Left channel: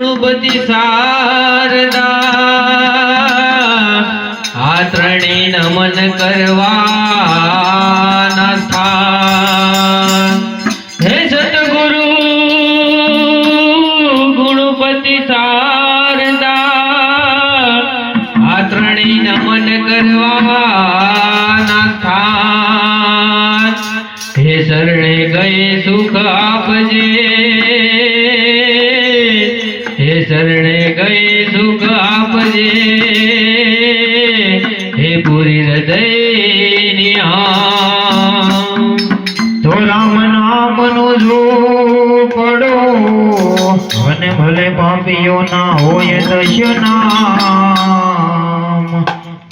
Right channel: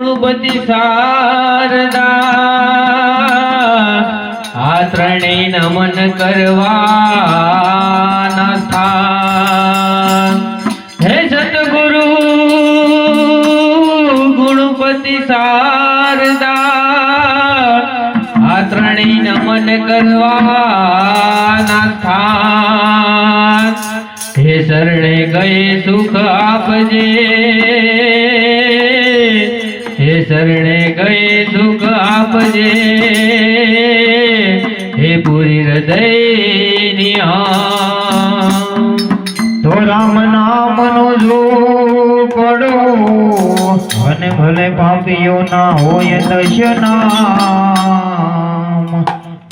બધી શારદા આ ત્રણેય નમન કરવાના સ્થાન હે સતગુરુ ગુણપતિ શારદા આ ત્રણેય નમન કરવાના સ્થાન હે શરણે ગયે સુખ આપજે हे शरणे गए सुख आपजे हे पूरी हृदय तो राम नाम नो जो पड़ो वन भले पापियो ना होय दशनाम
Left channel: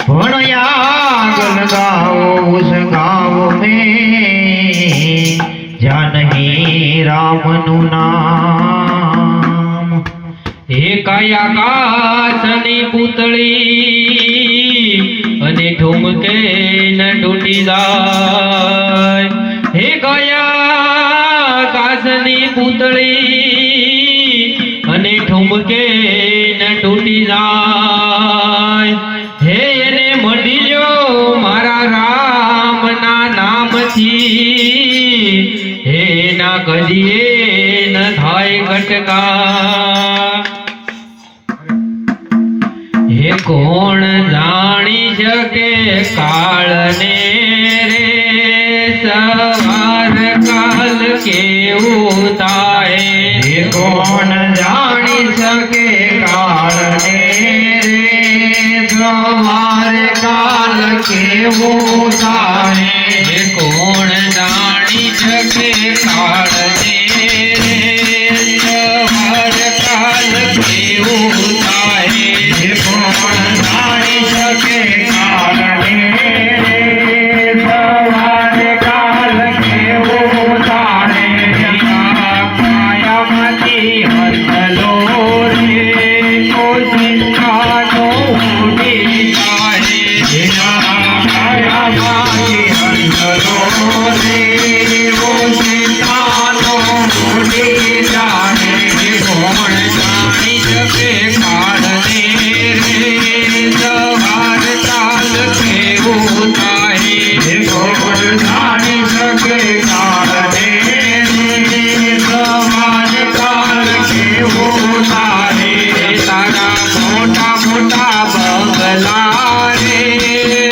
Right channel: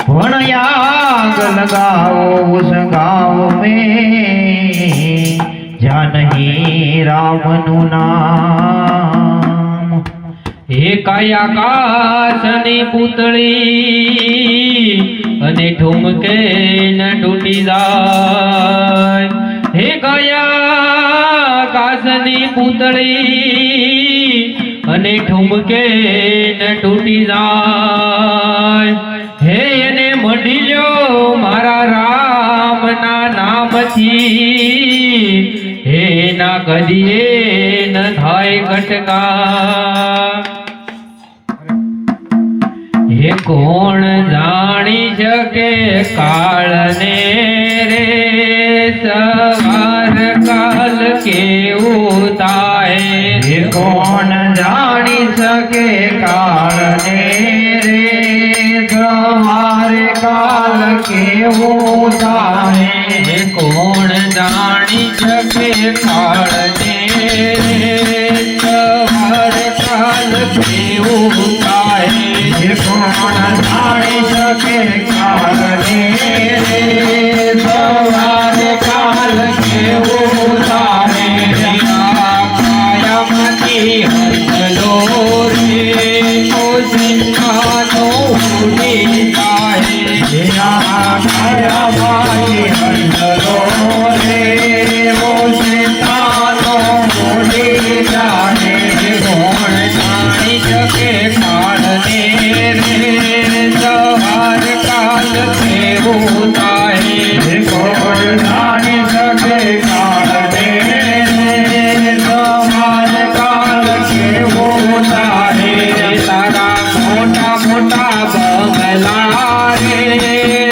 पण याग लगाओ उस गाँव में जानही राम नु नाम एकाय आकाशनी पुतળી અને ઠુમકે ન તૂટી જાય એકાય આકાશની પુતળી અને ઠુમકે ન તૂટી જાય હે એને મળી લ્યો મારા રામના નામથી હે ના કદીએ ન થાય ઘટકા हे कोण जानी सके काल ने रे सवार काल केवुं थाय हे कोण जानी सके काल ने रे सवार काल केवुं थाय हे कोण जानी सके काल ने रे सवार काल केवुं थाय जानी सके काल ने सवार काल केवुं थाय कायमती हरलो रे ओ चिंतानो उडी जाए कायमती हरलो रे ओ चिंतानो उडी जाए कोण जानी सके काल ने सवार काल केवुं थाय कोण जानी सके काल ने सवार काल केवुं थाय तारा मोटा मोटा बंगला रे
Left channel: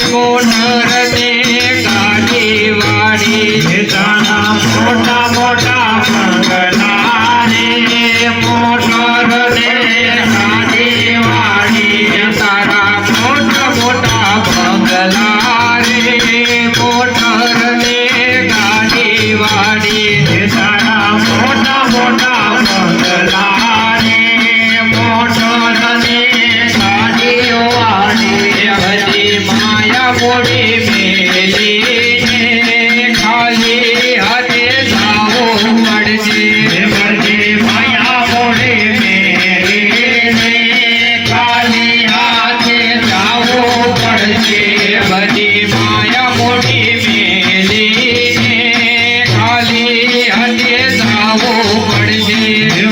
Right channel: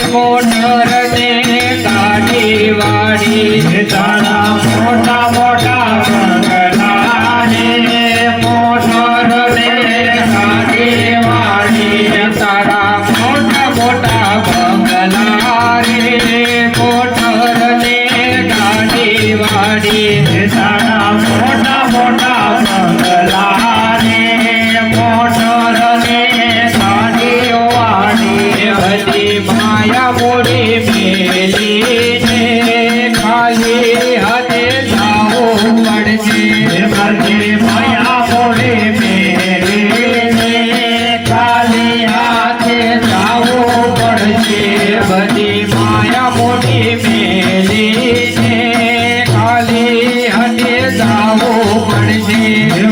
मोटर ने गाड़ी वाड़ी तारा मोटा मोटा बंगला रे मोटर ने गाड़ी वाड़ी तारा मोटा मोटा बंगला रे मोटर ने गाड़ी वाड़ी तारा मोटा मोटा बंगला रे मोटर ने गाड़ी वाड़ी बधी माया मोड़ी मेली ने खाली हाथे जाओ पड़जे बड़ी माया मोड़े मेरे ने खाली हाथे जाओ पड़ছে बधी माया मोड़ी मेली ने खाली हाथे जाओ पड़जे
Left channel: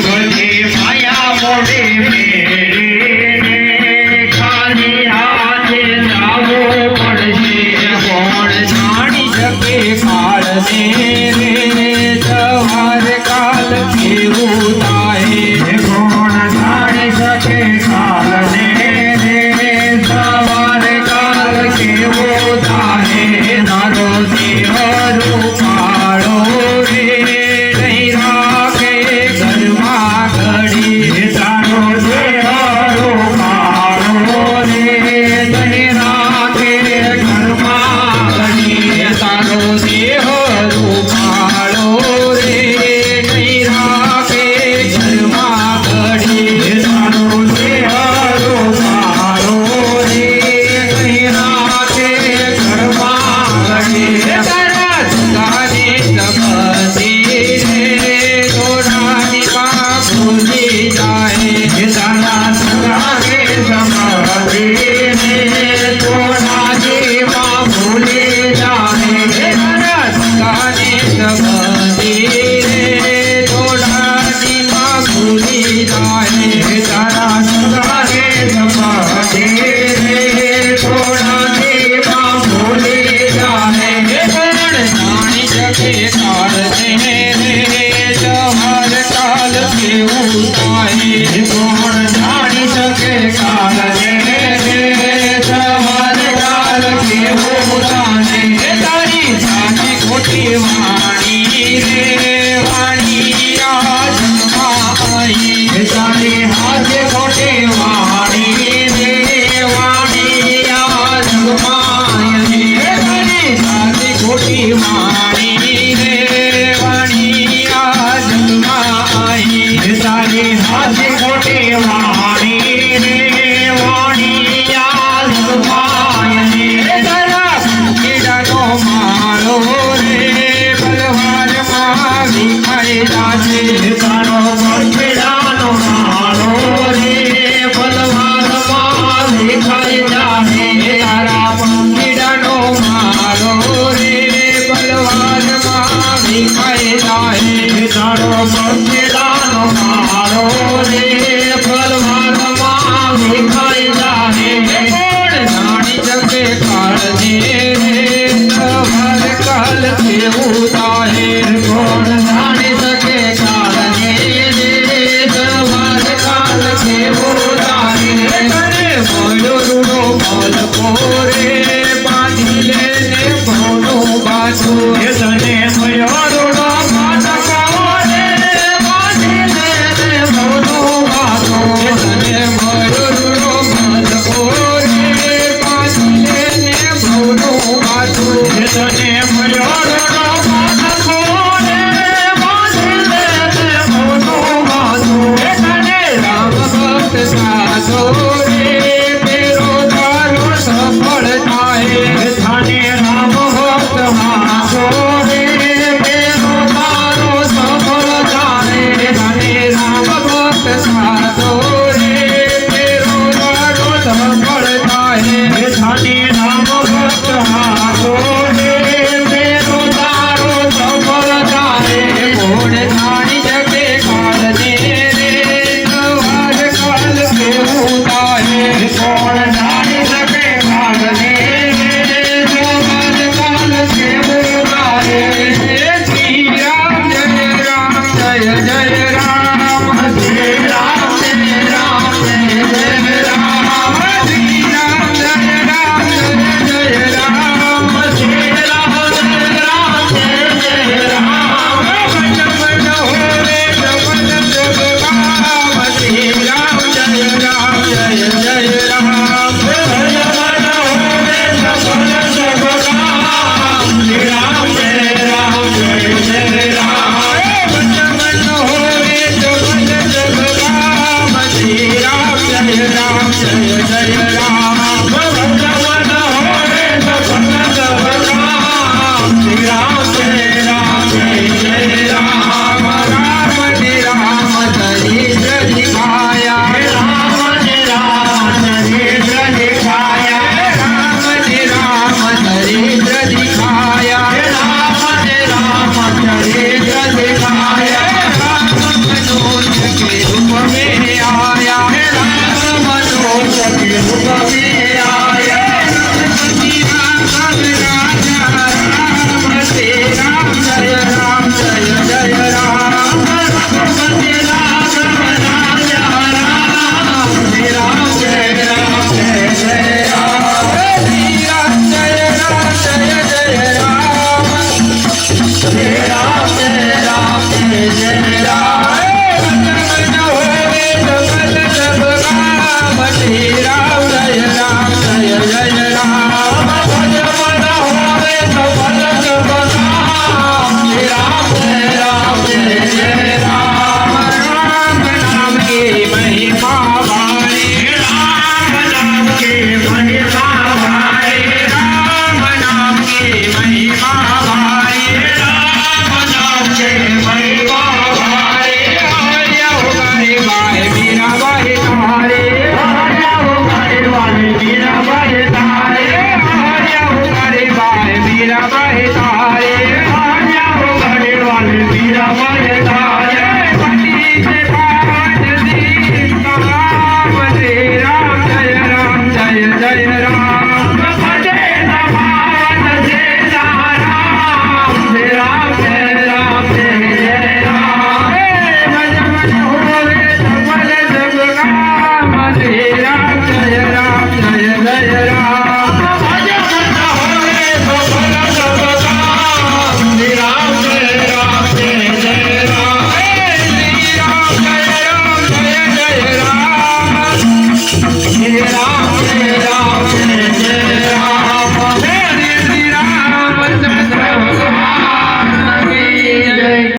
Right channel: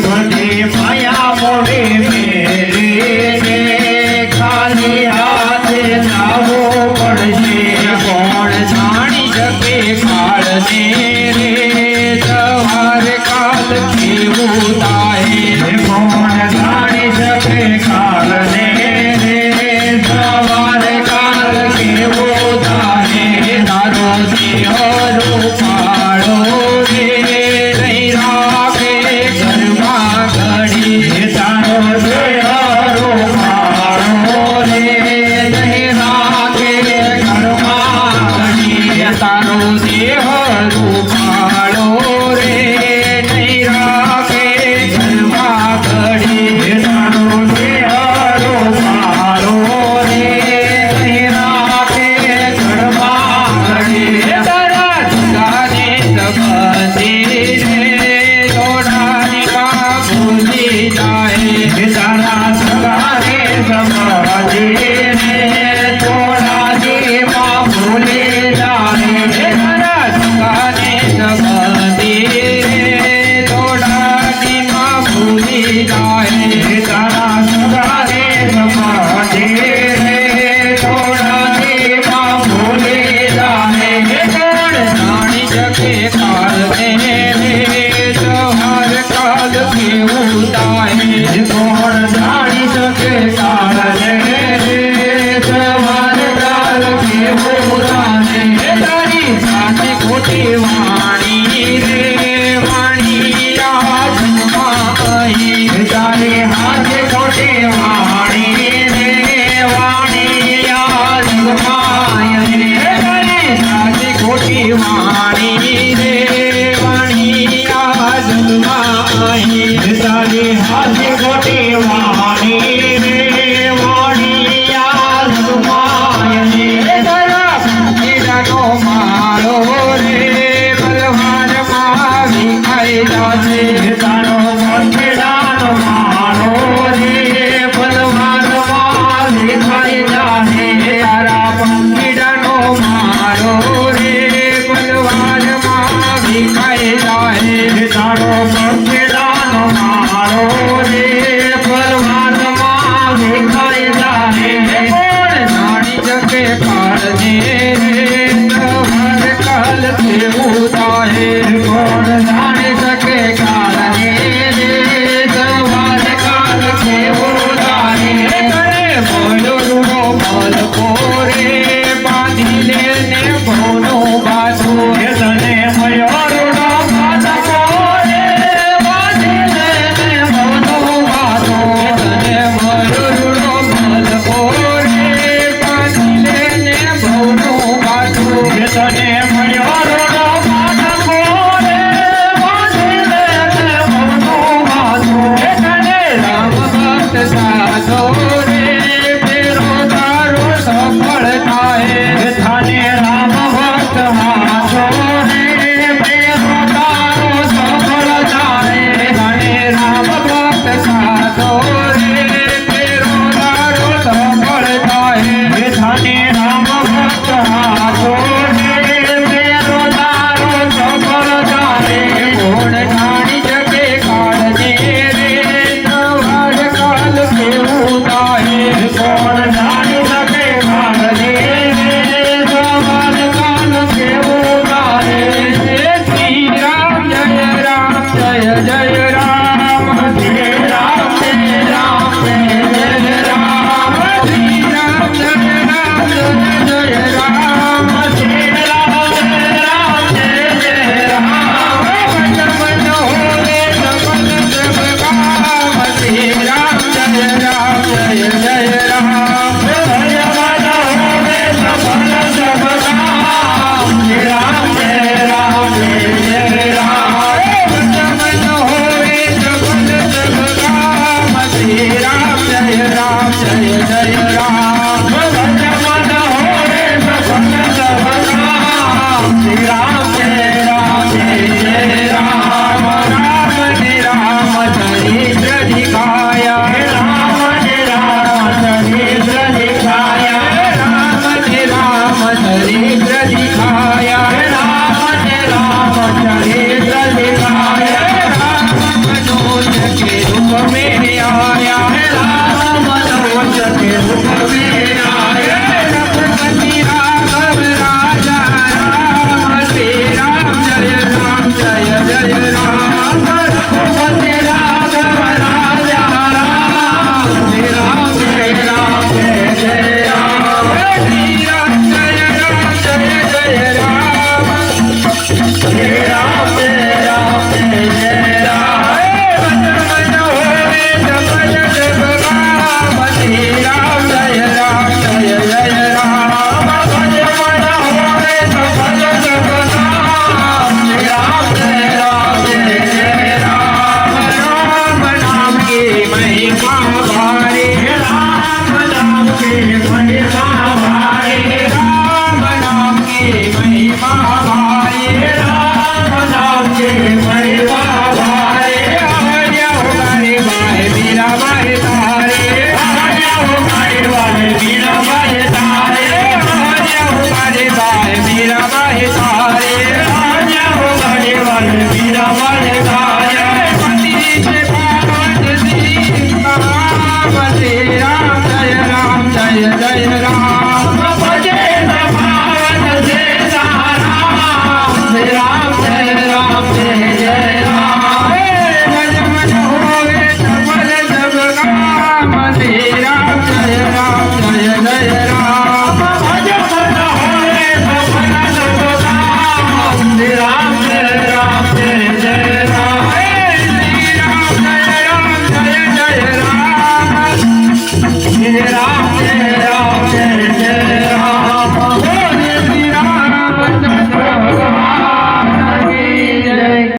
बड़ी माया मोड़े मेरे ने खाली हाथे जाओ पड़ছে कोण जानी सके काल ने रे सवार काल केवुं थाय कोण जानी सके काल ने रे सवार काल केवुं थाय तारो देह रूपाळो रे नहीं राखे घरमां घड़ी तारो देह रूपाळो रे नहीं राखे घरमां घड़ी तारो देह रूपाळो रे नहीं राखे घरमां घड़ी तारो देह रूपाळो रे नहीं राखे घरमां घड़ी तारा दुकाने सबसे रे जोड़ानी मां भूली जाए तारा सगारे समाधि ने तोड़ा जी माँ भूले जाए तारा दुकाने सबसे रे जोड़ानी मां भूली जाए કેવું થાય કોણ જાણી શકે કાળને તમારે કાળ કેવું લાગે તારી સાચી ખોટી વાણી રે વાણી આ જન્મમાં અહીં તારી હાથે ખોટી વાણી રે વાણી આ જગમાય તારી સાચી ખોટી વાણી રે વાણી આ જન્મમાં અહીં તારી હાથે ખોટી વાણી રે વાણી આ જગમાય તારા કીડાનો માળો રે બલવારમાં વિખાઈ જાશે તારો મંદિરાનો માળો રે બલવાનમાં દેખાઈ જાહે તારા પંખીડાનો માળો રે બલવારમાં વિખાઈ જાય તારો મંદિરાનો માળો રે બલવાનમાં દેખાઈ જાહે કોણ જાણી શકે કાળને રે તમારે કાલ કેવું થાય કોણ જાણી શકે કાળને રે તમારે કાળ કેવો લાગે તારે બોલો